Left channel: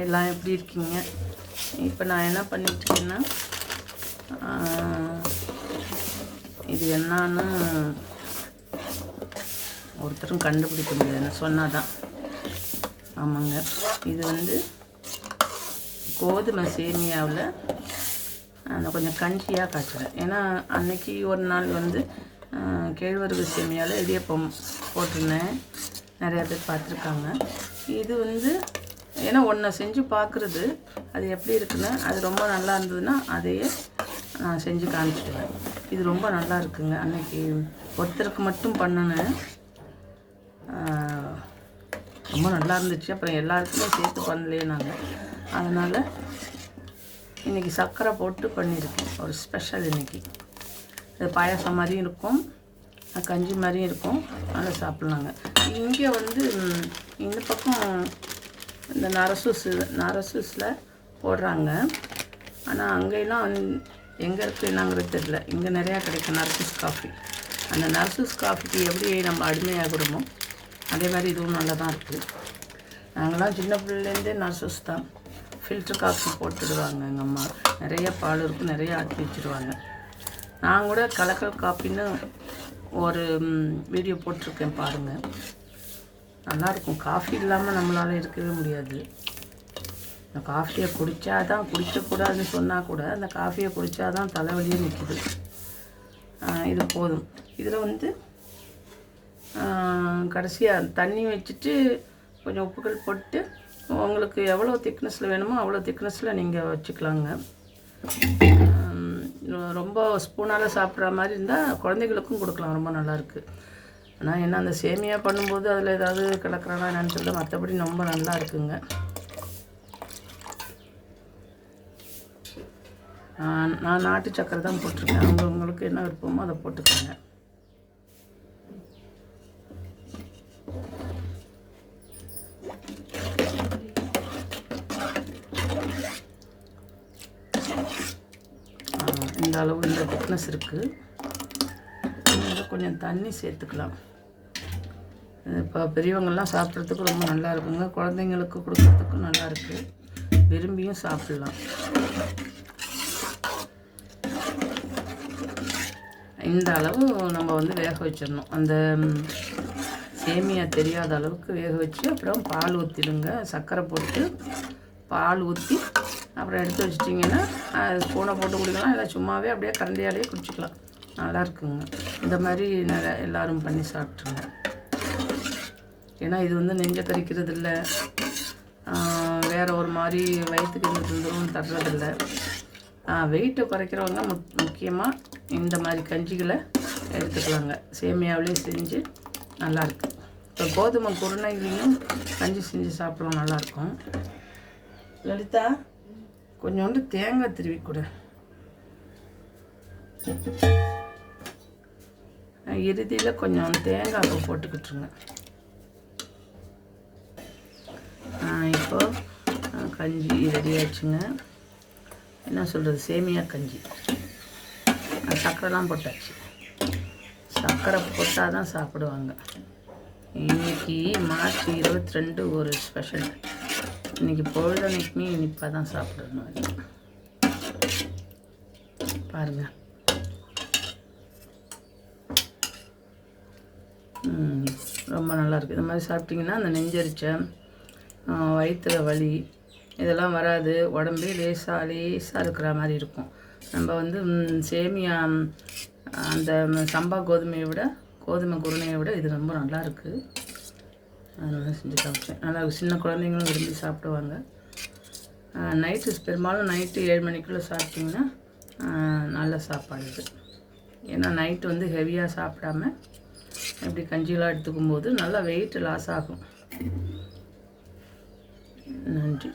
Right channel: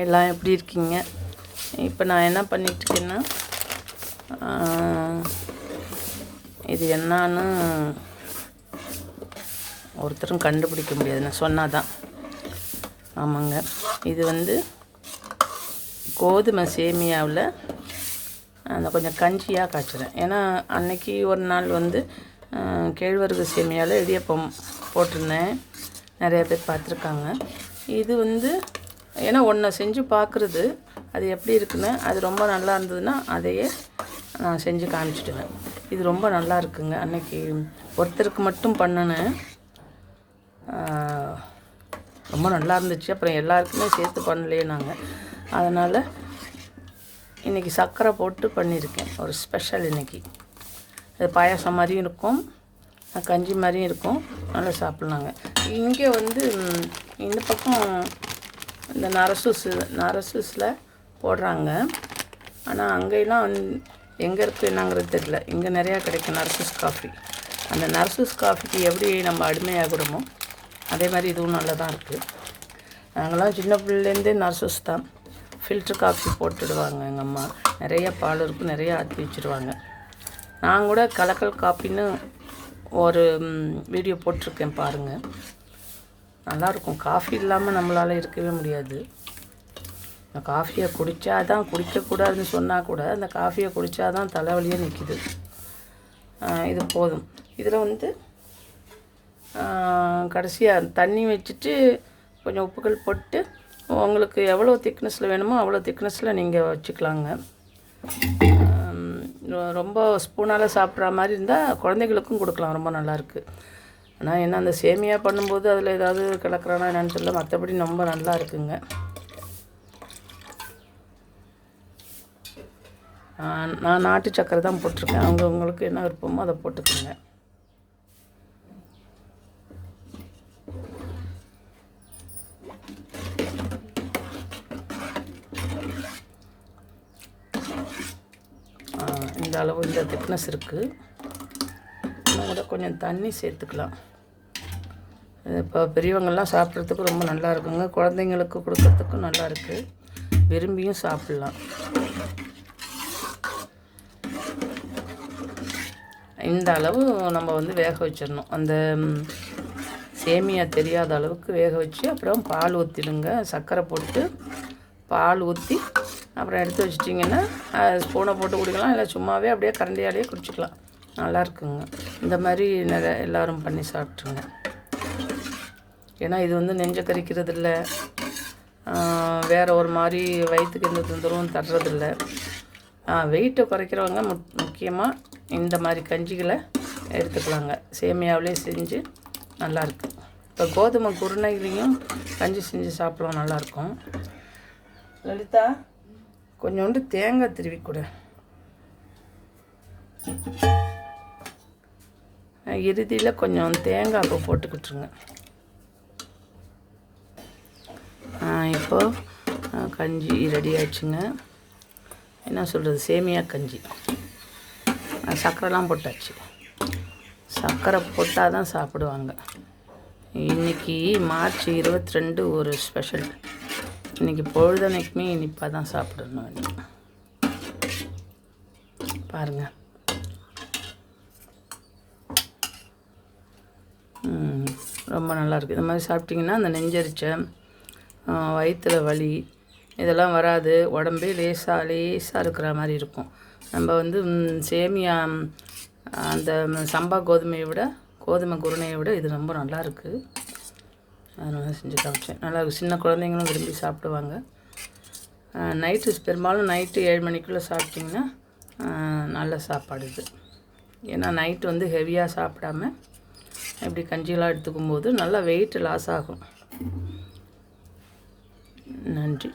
எல்லாம் எப்படி இருக்கீங்க? இப்போ நான் என்ன பண்ணிட்டுருக்கேன்னா இது என்னன்னா ஒருத்தரும் கண்டுபிடிக்க முடியாது நான் சொன்னாதான். ஆமாங்க. இது வந்து கோதுமை சேமியாவில் அந்த கொஞ்சம் கஞ்சியாக காய்ச்சுறேன். ஏன்னா அன்னைக்கு ஒரு நாள் வந்து கேழ்வரகு சேமியாவில் இடியப்பம் போட்டிருந்தேன். நிறைய பேர் பார்த்துருக்காங்க. இது வந்து ஏன்னா ஒன்றை செஞ்சு பார்க்குறது அது எப்படி இருக்குன்னு அது ரொம்ப நல்லா இருந்ததுன்னா அதையே நான் செஞ்சு காமிச்சிட்டேன். இது ரொம்ப நல்லா இருக்குங்க. அன்னைக்கு ஒருத்தருக்கு மட்டும் பண்ணினேன். ரொம்ப நல்லா இருந்துச்சு. அப்புறம் எல்லாருக்குமே சேர்த்து பண்ணலையே நாங்கள் அதனால் இன்றைக்கி சர்க்கரை போட்டு பண்ணியிருக்கேன். ஒரு ஸ்பெஷல் இன்னைக்கு. அது பாயாசம் மாதிரியும் இருக்கும். கஞ்சி மாதிரியும் இருக்கும். நல்லா சாப்பிட்லாங்க. இங்கே வந்து இந்த பக்கம் இந்த நரசூஸ் நரசூஸில் போடுறாங்க. ஆனால் அங்கெல்லாம் வந்து எங்கே இருக்குது என்னங்கிறது தெரியல. இங்கே நிறையா கிடைக்கும் நர்சஸ் காஃபி அந்த நர்சஸ் காஃபிக்கு எப்படி நம்ம அடிமையாகிறோமோ அதே மாதிரி இதுவும் நல்லா தான் இருக்குது நாங்களாம் சின்ன பிள்ளைலேருந்தே நர்சஸ் தான். ஃபில்ட்ரு காஃபி போட்டுடுவாங்க எங்கள் அம்மா. நிறைய பால் இருக்கும் நிறைய ஆற்றி வச்சுருவாங்க. நான் கூட கலக்கல் காப்பின்னு ஒரு வீடியோ போட்டிருக்கேன் பாருங்கள் நல்லாயிருக்கும். காஃபி இல்லாமல் நம்மளால் இருக்கவே முடியாது. இந்த காஃபியை குடித்தா தான் குடிக்கக்கூடாதுன்னு சொன்னால் கூட அந்த காஃபியை குடித்தா தான் தலைவலியே நிற்கிது இது போதும். இதில் வந்து கடைசியாக தண்ணி வச்சுட்டு கொஞ்சம் உப்புகள் போட்டு உங்களுக்கு எவ்வளோ திக்னஸில் வேணுமோ அவ்வளோ திக்னஸில் நீங்கள் வச்சுக்கலாங்க. ரொம்ப ஸ்பூனால் சாப்பிட்ற மாதிரி இருந்தால் குழந்தைகளுக்கும் கொடுக்கலாம். ரொம்ப நல்லாயிருக்கு ஆனால் என்ன அந்த சேமியா பண்ணும்போது அதில் ஏதாவது கலக்கிறானா என்னன்னு தெரியல. மற்றபடி ரொம்ப நல்லா இருக்குங்க. நான் நாட்டு சக்கரை தான் போட்டிருக்கேன். அவங்க உங்களுக்கு என்ன விருப்பமோ அதை போட்டுக்கோங்க. இந்த அளவு இந்த திக்னஸ் இருக்குது அதில் கொஞ்சம் தண்ணி சேர்த்துக்கலாம். இப்போ பெரியவங்கள்லாம் சாப்பிட்றதுக்கு ரொம்ப நல்லா இருக்குங்க குழந்தைங்களுக்கு கொடுக்கறதுக்கும் நல்லா இருக்குது விரும்பியும் சாப்பிட்லாம். இந்த அளவு நம்ம வந்து வேக வச்சிடணும். அந்த சேமியா தெரியாத அளவுக்கு வேக வச்சு அப்புறம் பால் ஊற்றிடுங்க சர்க்கரை போட்டு பால் ஊற்றி அப்புறம் எடுத்து வச்சிட்டிங்கன்னா ஸ்பூனை போட்டு குடிக்கலாம். இல்லை சும்மாவே அப்படியே கரண்டியாலேயே குடிச்சிக்கலாம். நல்லா இருக்குங்க இந்த மாதிரி நிறைய எல்லோரும் பண்ணி சாப்பிட்ருங்க. ஏன்னா இது வந்து நெஞ்ச கறிக்கிறது இல்லை வேறு ஒரு மாதிரி வயிற்றுக்கு எந்த தொந்தரவும் தர்றதில்ல. வெயிட்டை குறைக்கிறவங்க முக் முக்கியமாக இந்த மாதிரி கஞ்சிகளை எடுத்துக்குவாங்க சேமியாவிலே செஞ்சு நல்லாயிருக்கு இப்போ கோதுமை குருணைகளையும் கஞ்சி செஞ்சு சாப்பிடுவோம் நல்லாயிருக்கும் லலிதா கொஞ்சோண்டு தேங்காய் திருவி கொடு. இறுதியில் கொஞ்சம் தேங்காய் போட்டுக்கிட்டுருங்க. நான் இப்போ கஞ்சி ரெடி ஆச்சுங்க என்ன சொல்கிறது சேமியா கஞ்சி. நான் சர்க்கரைலாம் போட்டாச்சு. சர்க்கரை போட்டால் தான் சாப்பிடுவாங்க. இன்னைக்கு மார்ச் இருபத்தி ரெண்டு ஒரு ஸ்பெஷல். இன்னைக்கு பொழுதனைக்குமே இனிப்பாக தான் சாப்பிடணும் பாருங்கள் ரொம்ப நல்லாயிருக்கு இந்த மாதிரி சாப்பிட்டிங்கன்னா அந்த நெஞ்சரிச்சை வயிற்றுல வலி இதெல்லாம் வராது. உடம்பே லேசாக லேசாக இருக்கிற மாதிரி இருக்கும். நம்ம வந்து சேமியா அந்த சம்பா கோதுமையை விட கோதுமை குருணையை விட இது ரொம்ப நல்லா இருக்குது அதனால செஞ்சு காமிச்சேன் நல்லா சின்ன குழந்தைங்களும் விரும்பி சாப்பிடுவாங்க. நைட்டு பெரும்பாலும் நைட்டு ஏழு மணிக்குள்ளே சாப்பிட்டிங்கன்னா நல்ல சாப்பாடு இது. ஏன்னா நைட்டு வந்து ஹெவியாக சாப்பிடாம இப்படி கஞ்சிலாம் எடுத்துக்கும் போது நல்லா வெயிட் லாஸ் ஆகும். நன்றி